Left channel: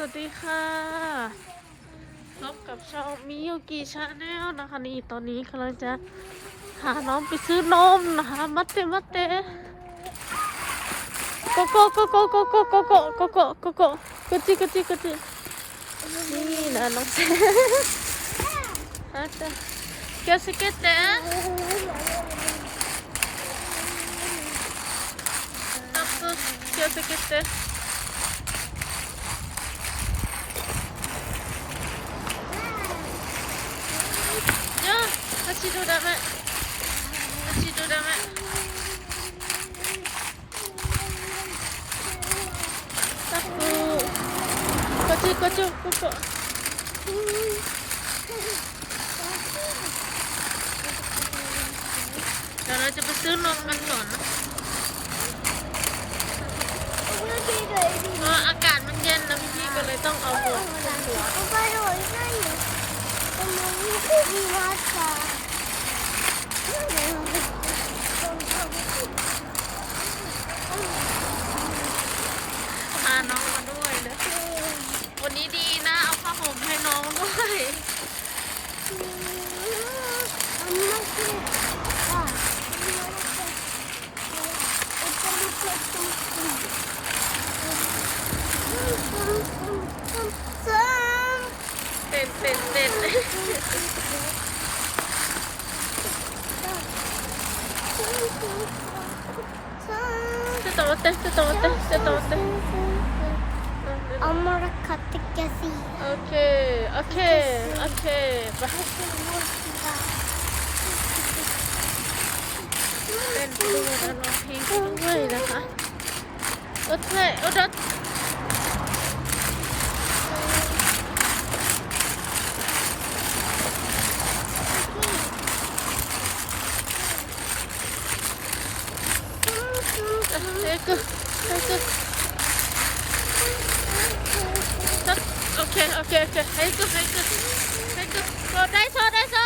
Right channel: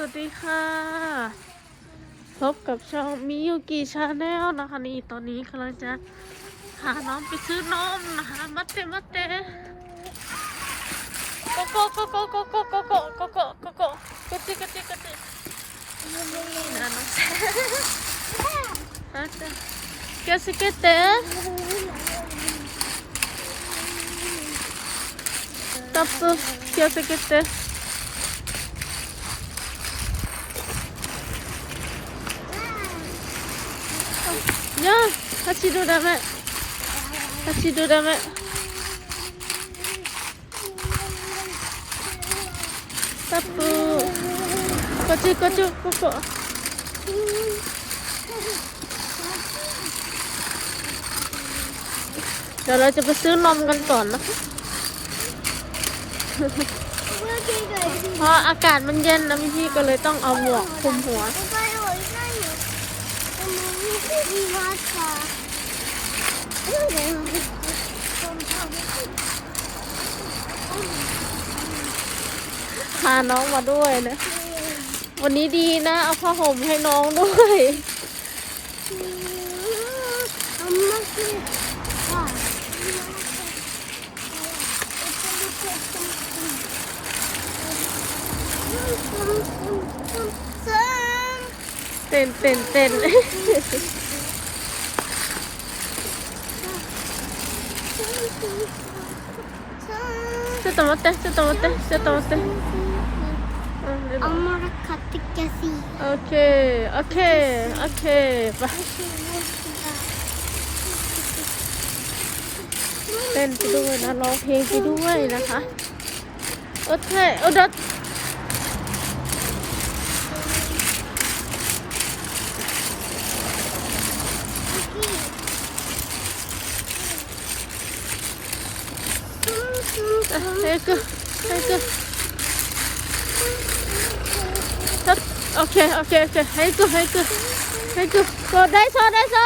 สวัสดีค่ะพบกับช่องมิยุกิชาแนลนะคะนี่ตอนนี้กำลังจะหาน้องไปซื้อนมนะคะมัดเตมัดเตโกโกโกโกโกโกโกโกโกโกโกโก้กจิกจิกจินี่นะน้องเซฮะเตเกสเกตเตตับตัวเกสเกตเต No, Hachi do dame. Hachi do dame. Hachi, hachi, popo. เดี๋ยวเราจะไปซื้อนมกันก่อนนะคะเพราะอากาศมันเย็นนะพี่ก็เลยต้องเอาหมวกคลุมหัว พาน้องมาด้วยนะ วันนี้ดีนะ เอาผ้าห่มให้น้องด้วย ต้นเต้นเต้นちょっと待って、ちょっと待って、ちょっと待って。あんまり買ってきやすい。オッケー、オッケー、オッケー。มาเต้นไปด้วยนะร้องเพลงไปด้วยนะคะ โอเคโอ้ดด โอเคโอเคโอเคให้กูให้กูให้กูโซได้โซได้โซ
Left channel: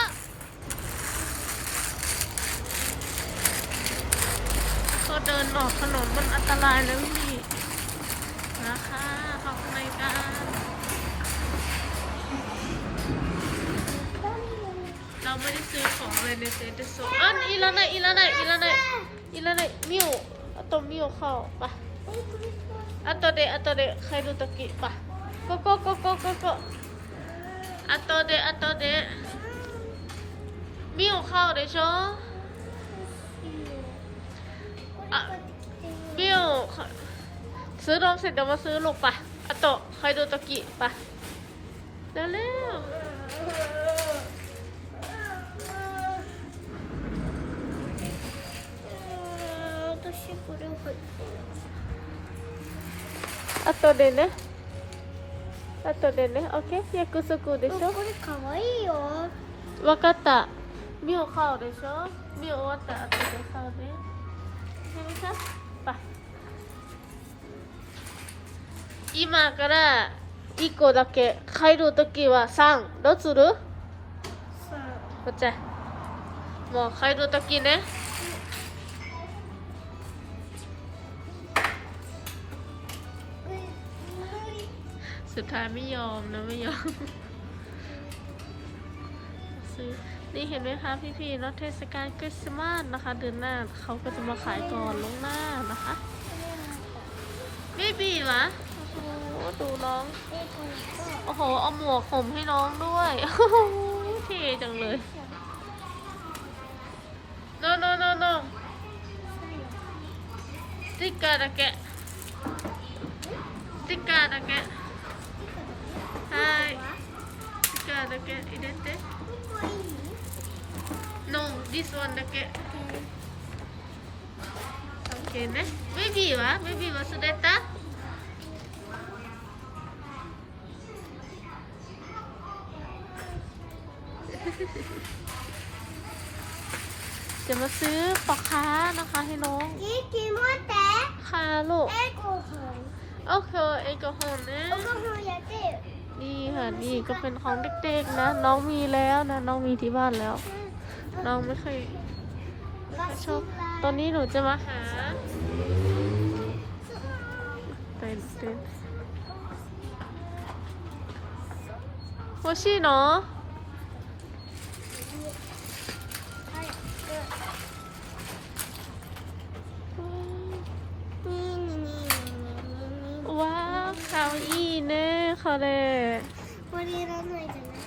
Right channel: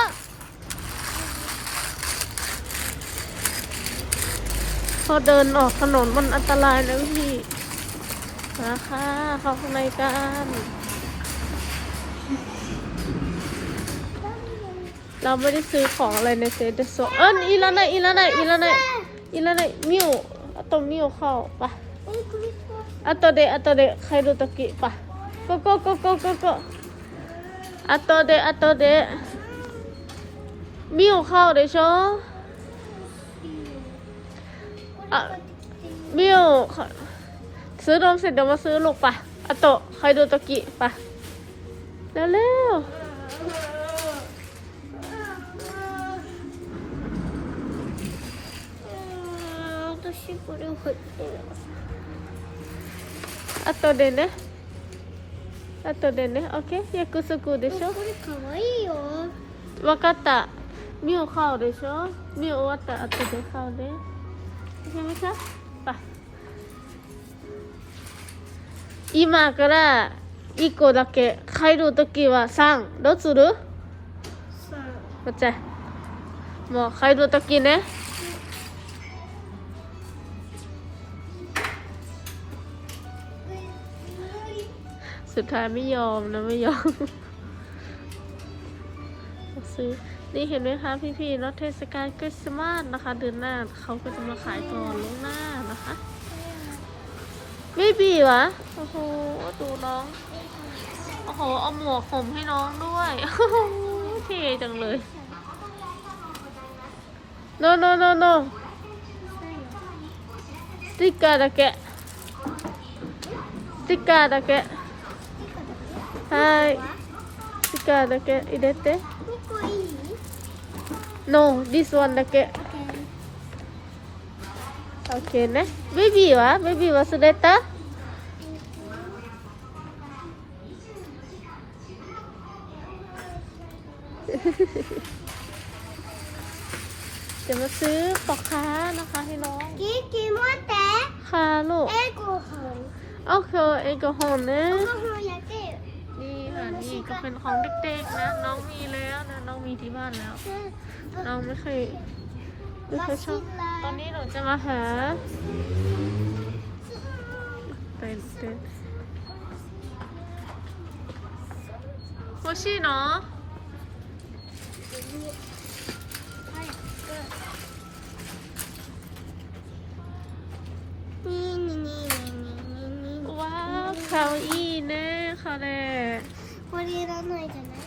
พอเดินออกถนนมันอันตรายนะพี่นะคะเข้าข้างในกันเราไม่ได้ซื้อของอะไรในเซนเตอร์โซเอออีละนะอีละนะอีละนะอีละนะมิว เอาตรงมิวเข้าไป あとであとで帰るときばここここここあとであとでミオ買うでしょあミオかซื้อนมเสร็จเดี๋ยวมาซื้อลูกปะあと帰るときปะเร็วเร็ว 私これ入ってる。あとでねあとでねオッケー約束でしょ？これ可愛いよ。わかった。ミオ買うでしょ？ミオ終わったら後で買うで。やめて。あ今から1個だけ帰るときは3。どうする？もう帰るときね。 สุดท้ายไม่ยอมนะไม่ยอม ซื้อนี่เห็นไหมคะพี่ๆเนาะเทศกาลคริสต์มาสนะคะ เดือนหน้าเขาก็จะมาขายก่อนลวงหน้านะคะไม่บีวะโอ้โหดูน้อง โอ้โหเอาหมวกห่มให้น้องด้วย โอ้โหเท่จังเลย no no no no สติกเกอร์だけสติกเกอร์だけ はい力だけ入れてここいい No, this one だけ OK ねベビーはベビー忘れたเดี๋ยวมาซื้อปอกค้านะคะให้น้องกินกินว่าแต่ค่ะลูกเอ็กโกฮอนโอเคเอ็กโกฮอลนะเอ็กโกฮอนอยากกิน นี่ค่ะนี่ก็เป็นของเด็กๆนะ น้องมีแล้วนะ น้องมีที่บ้านแล้ว น้องไม่เคยไม่เคยชอบตอนนี้หนูจะมาหาเต้นเต้นโคชี่เนาะว้าวคาวอี ねこれこれいらないじゃない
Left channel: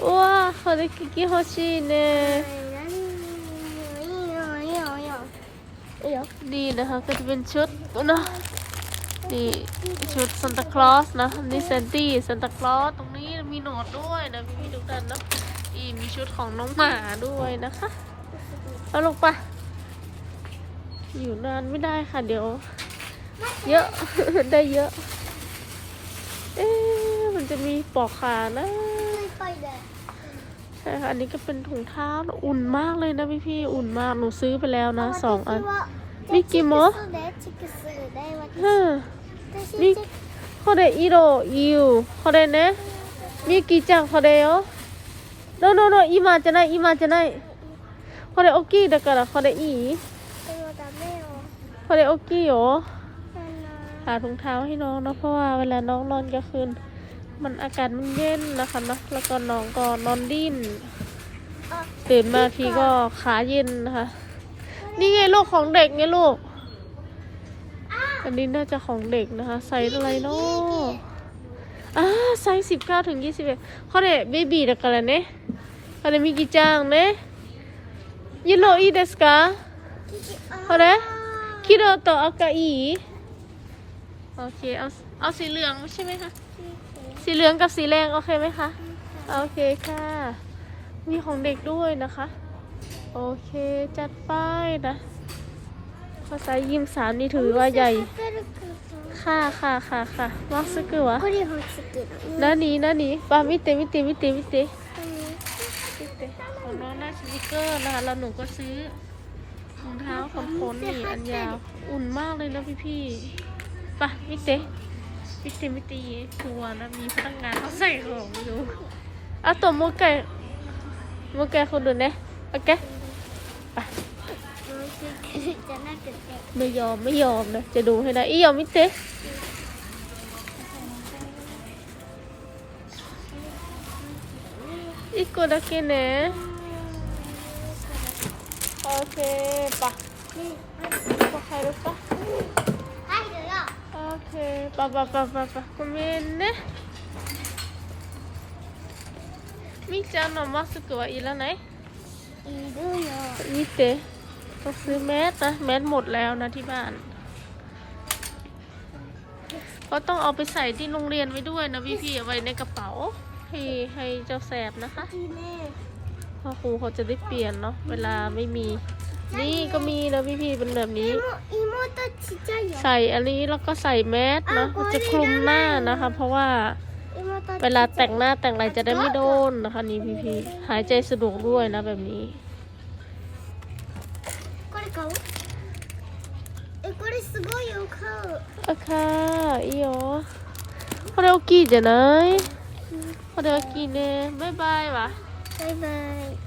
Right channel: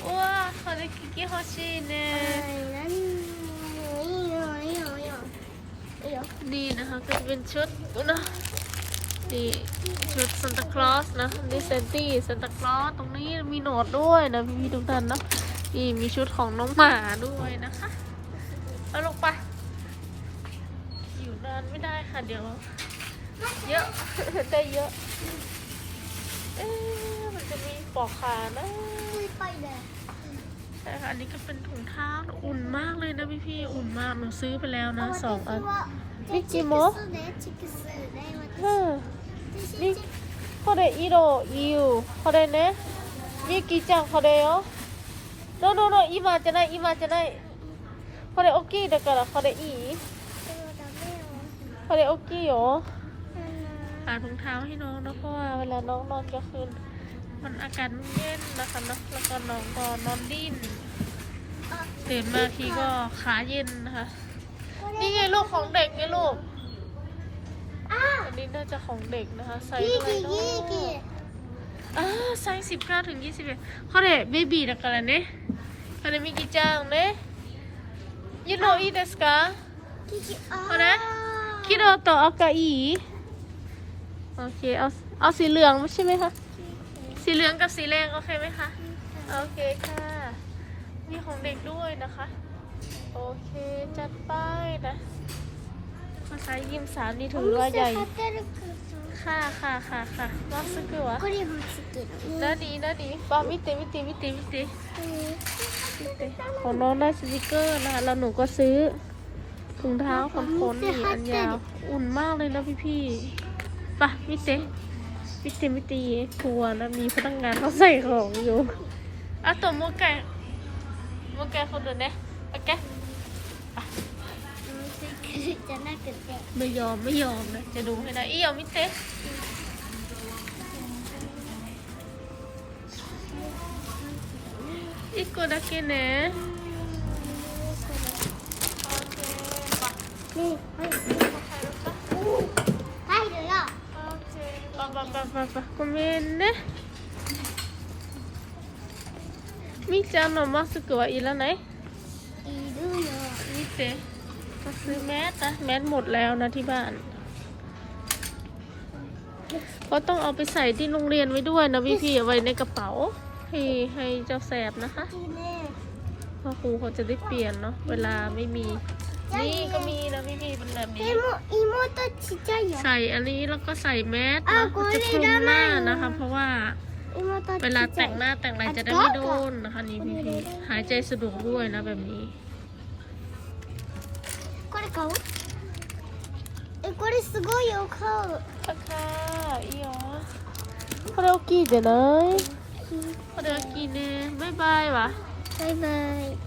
うわこれ聞き欲しいね いらないいいよいいよいいよいいよ ดีนะคะก็จะเป็นชุดเนาะนี่ชุดซันตาคลอสนะนี่เซนตี้ซันตาคลอสตรงนี้มีโหนดด้วยนะมีทุกท่านเนาะนี่มีชุดของน้องหมาด้วยนะคะเอาลงไปอยู่นานไม่ได้ค่ะเดี๋ยว เยอะ ได้เยอะ เอ๊ะมันจะมีปอกขานะใช่ค่ะอันนี้ก็เป็นถุงเท้าอุ่นมากเลยนะพี่พี่ๆอุ่นมากหนูซื้อไปแล้วนะสองอัน ミキもそうだよチクスだようん私ミこれ色いいよこれねミキちゃんこれよどのの今じゃない今じゃないこれ大きいだからこれいいでもダメよこれ大きいよ หาถุงเท้าให้น้องนะเพราะว่าเวลาน้องนอนกลางคืนมันอากาศมันเย็นนะคะนะแล้วก็น้องก็นอนดิ้นตื่นมาทีก็ขาเย็นนะคะ นี่ไงลูกของเด็กไงลูกอันนี้น่าจะของเด็กนะคะใส่อะไรเนาะอ่าสามสิบเก้าถึงยี่สิบเอ็ดเขาเด็กเบบี้นะกันเนี่ยอะไรมีกี่จ้างเนี่ยยินโนอีเดสกาเขาเด็กคิโรโตอากาอี โอเค เอาเอาสีเหลืองใช่ไหมคะ สีเหลืองกับสีแดงโอเคไหมคะ โอเคค่ะ มีของเด็กด้วยนะคะ โอเค จัดป้ายนะ ภาษายิมสามนี่ถือว่าใหญ่ ค่ะค่ะค่ะค่ะมักซึกิวะนั่นนี่นั่นนี่ปามิเตมิเตมิเตมิเตของน้องได้สติกเกอร์นะคะแล้วหนูก็ซื้อถุงเท้าขนขนนี่อันยาว อุ่นมากเลยนะพี่พี่ ปะมิเตมิเตมิเตทัวร์นะมีพนักงานเขาใส่ของอยู่เอาตัวโมแกะโมแกะคนดูเนี่ยโอเค じゃなくて ไม่ยอมไม่ยอมนะจะดูให้ได้อียอมมิเตอีกคนだけねโอเคปะนี่ให้ปะเขาเลยปะ ごめんねみーちゃんのマスクはいらないいるよ อีเตเขาซื้อแมสนะแมสหมดแล้วนะที่บ้านก็ต้องเอาไปใส่ที่โรงเรียนไว้ด้วยนะพี่พี่ๆเอาไว้ในกระเป๋า ให้ให้เจ้าแสบนะคะ いいね เพ่อครูเขาจะได้เปลี่ยนเนาะเวลาไม่มี นี่ก็มีนะพี่พี่ๆเป็นแบบนี้ でも妹ちっちゃいよ ใส่อันนี้แล้วก็ใส่แมสนะมันจะคลุมหน้านะคะ เพราะว่า 妹 เวลาแต่งหน้าแต่งอะไรจะได้ไม่โดนนะคะนี่พี่พี่ๆหายใจสะดวกด้วยนะแบบนี้ これ買うえこれすごいよ買う โอเคいいよこれ大きいじゃないこれ大きいねバイバイはバイバイ